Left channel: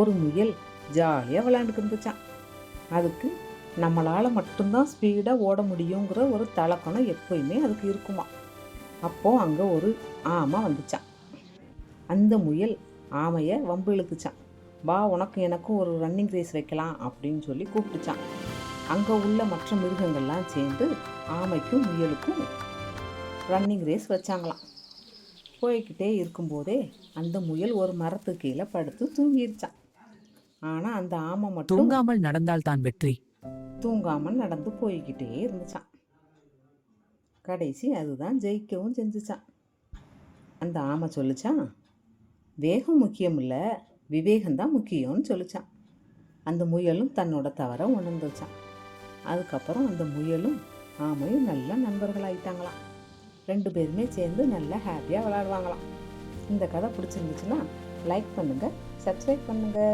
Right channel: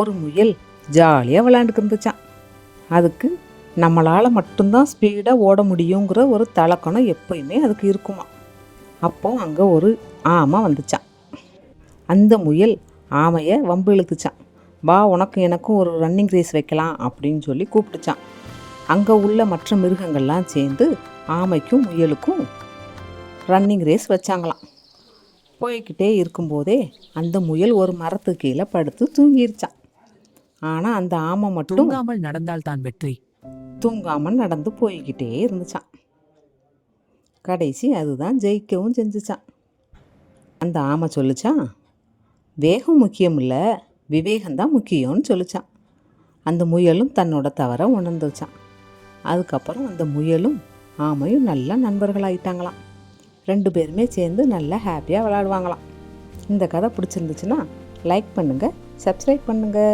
ஒரு முயல் ஜாலியாக விளையாண்டுக்கு இருந்துச்சான். அதுக்கு நம்மளால் மட்டும்தான் ஸ்பீடாக ஓட முடியுங்கிற ஒரு தலக்கணம் எப்பயுமே அதுக்கு இருக்குமா. அப்போது அங்கே ஒரு ஆமை வந்துச்சான். அந்த முயல் ஆமையை வம்பு இழுத்துச்சான். வா, உனக்கு எனக்கும் ஒரு ரன்னிங் ரேஸ் வைக்கலாம் அப்படின்னு சொல்லி கூப்பிட்டுச்சான். அங்கே உள்ள மற்ற மிருகங்கள்லாம் சேர்ந்து ஆமைக்கும் முயலுக்கும் ரன்னிங் ரேஸ் வச்சாங்களாம். போய்கிட்டே இருக்கும்போதே அந்த முயல் ஒரு மரத்துக்கு கீழே படுத்து தூங்கிருச்சான். ஆனால் அந்த ஆமை மட்டும் தூங்காமல் நடந்தால் தான் வெற்றி. தூங்காமல் நடந்து போய்கிட்டே இருந்துச்சான். கடைசி அதுதான் ஜெயிக்கவும் செஞ்சுச்சான். அந்த ஆமை சொல்லிச்சான், வேகம் முக்கியம் இல்லை, விவேகம்தான் முக்கியம்னு சொல்லிச்சான். அந்த முயலும் தன்னோட தவறை உணர்ந்துச்சான். அதுக்கப்புறம் அந்த முயலும் ஆமையும் நல்ல நண்பர்களாயிட்டாங்களாம். 2 பேருமே சேர்ந்து நல்லா ஹாப்பியாக விளையாடுவாங்களாம். இந்த கதை பிடிச்சிருந்துச்சுன்னா லைக் பண்ணுங்கள், சப்ஸ்கிரைப் பண்ணுங்கள்.